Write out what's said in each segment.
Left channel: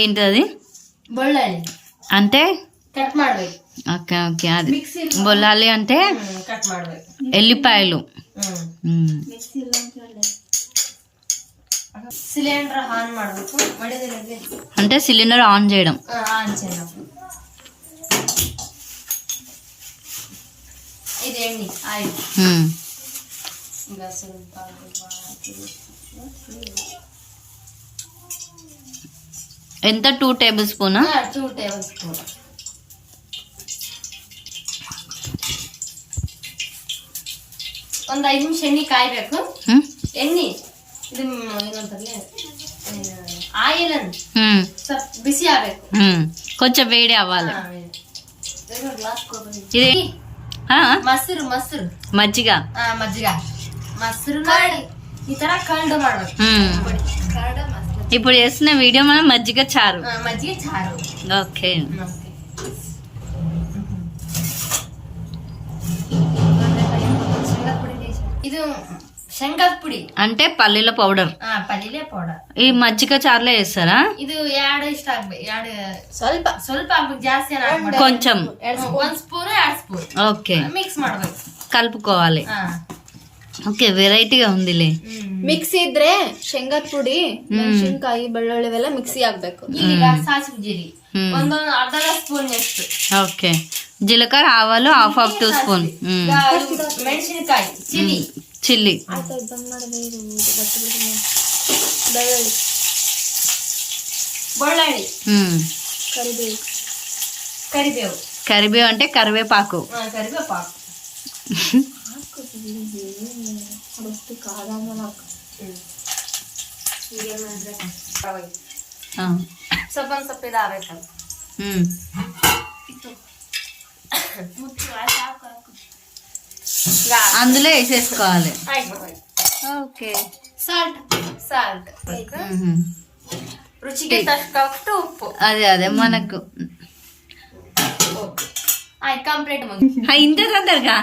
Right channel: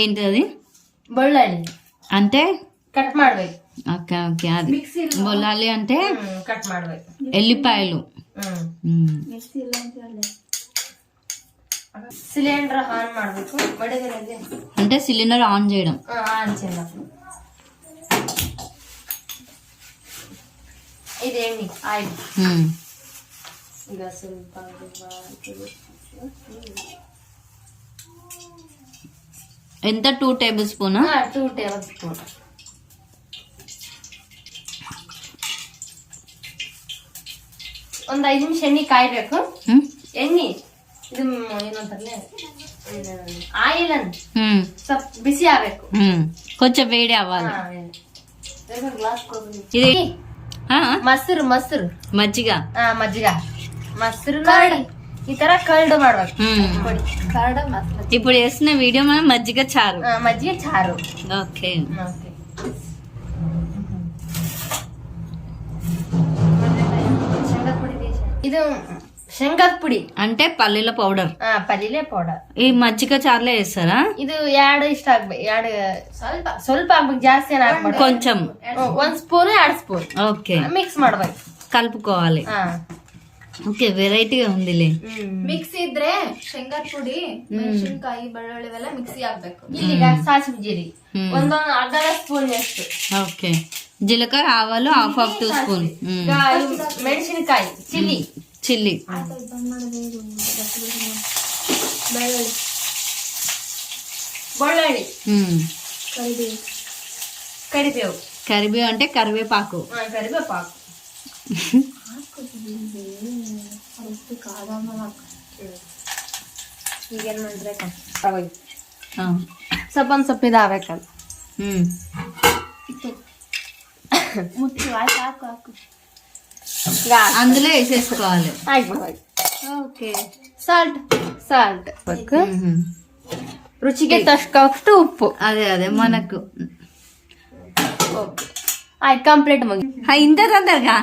ఏంటది బొళ్ళాలి అంటే కట్ ಮಾಡ್ಬೇಕು. ఓకే ఓకే అది బొల్లాలి అంటే కట్ ಮಾಡ್ಬೇಕು. ఎల్లిపాయలు. సిలిండర్ ఆన్ ಮಾಡಬೇಕು. అంటే సిలిండర్ ఆన్ చేయడం. ఆన్ చేయడం. ఇదేంటి ఆయిల్. ఇంకా ಸ್ವಲ್ಪ ఎంత 2 టేబుల్ స్పూన్? 2 table spoon. ಒಂದು 5 ನಿಮಿಷ ಎಣ್ಣೆ ಕಾಯ್ಬೇಕು. ಎಣ್ಣೆ ಇದು ಏನಂತಾರಲ್ಲ ಆಯಿಲ್ ಅನ್ನು ಸ್ವಲ್ಪ ಬಿಸಿ ಆಗಬೇಕು. కొంచెం వేడి అవ్వాలి. ఇది ಮೊಸರು ಮೊಸರು మజ్జిగ మజ్జిగ ಮೊಸರು ఈ ತರ కర్డ్ ಮಾಡಬೇಕು. ఇప్పుడు చేస్తున్న వీడియో మనం మజ్జిగ చారు. మజ్జిగ చారు. ఓకే. ఇది శనగల పొడి అంటే పల్లీల పౌడర్. పల్లీల పౌడర్ ఈ మజ్జిగ చారులో వేస్తారా? ಇದು ಎರಡು ಇಷ್ಟ ಆಗ್ಬೇಕು. ಎರಡು ಸ್ವಲ್ಪ ಸ್ವಲ್ಪ ಆಗ್ಬೇಕು, ಜಾಸ್ತಿ ಹಾಕ್ಬೇಕು. కొంచెం 1 ಸ್ಪೂನ್ 2 ಸ್ಪೂನ್ ఓకే ಮಿಕ್ಸ್ ಮಾಡ್ಬೇಕು, కలుపుకోవాలి. ఓకే, వెరైటీగా ఉందిలే. ಮಿಕ್ಸಿ ಇದ್ರೆ ಶೇಂಗಾದ ಪುಡಿ, ಮೆಣಸಿನಕಾಯಿ, ಬೆಳ್ಳುಳ್ಳಿ ಇವೆಲ್ಲ ಮಿಕ್ಸಿ ಆಗ್ಬೇಕು. ಈಗ ಸಾಸಿವೆ ಜೀರಿಗೆ ಒಂದು ಅರ್ಧ ಸ್ಪೂನ್ ಎಷ್ಟು. ఓకే, జీలకర్ర ఆవాలు ಹಾಫ್ 2 స్పూన్. ಮೆಣಸಿನಕಾಯಿ ಚಿಲ್ಲಿ చిల్లీ, ಬೆಳ್ಳುಳ್ಳಿ, ಕರಿಬೇವು. కరివేవు అంటే కరివేపాకు. కరివేపాకు ಈಗೇನ್ ಮಾಡಿದ್ರೆ ಸ್ವಲ್ಪ ಸ್ವಲ್ಪ ಇದಾಗಬೇಕಲ್ಲ. అందులో వేసేసుకోవాలి. ఓకే, సాల్ట్ సాల్ట్ రుచికి తగ్గట్టు ఉప్పు. అదే అదే మనకు కంప్లీట్ ఇంత తొందరగా.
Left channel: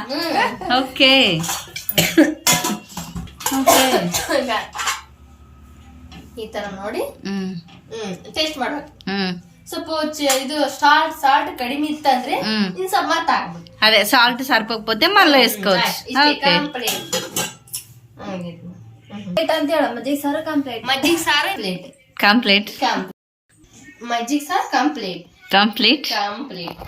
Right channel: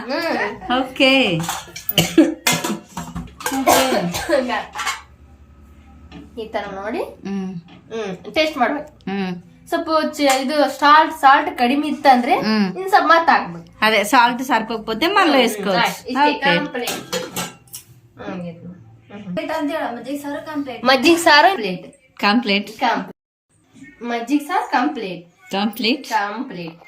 ఓకే ఓకే, ಈ ತರ ನೋಡಿ ಟೇಸ್ಟ್ ಮಾಡ್ಬೇಕು. ಸ್ವಲ್ಪ ಇದು ಸಾಲ್ಟ್ ಕಡಿಮೆ ಇತ್ತಂದ್ರೆ ಇನ್ ಸ್ವಲ್ಪ ಮತ್ತೆ ಹಾಕ್ಬೇಕು. అదే సాల్ట్ సరిపోకపోతే మళ్ళీ వేసుకోవచ్చు. ఓకే, మజ్జిగ సారు ప్లేట్ కంప్లీట్. మజ్జిగ సారు కంప్లీట్ కంప్లీట్. కంప్లీట్.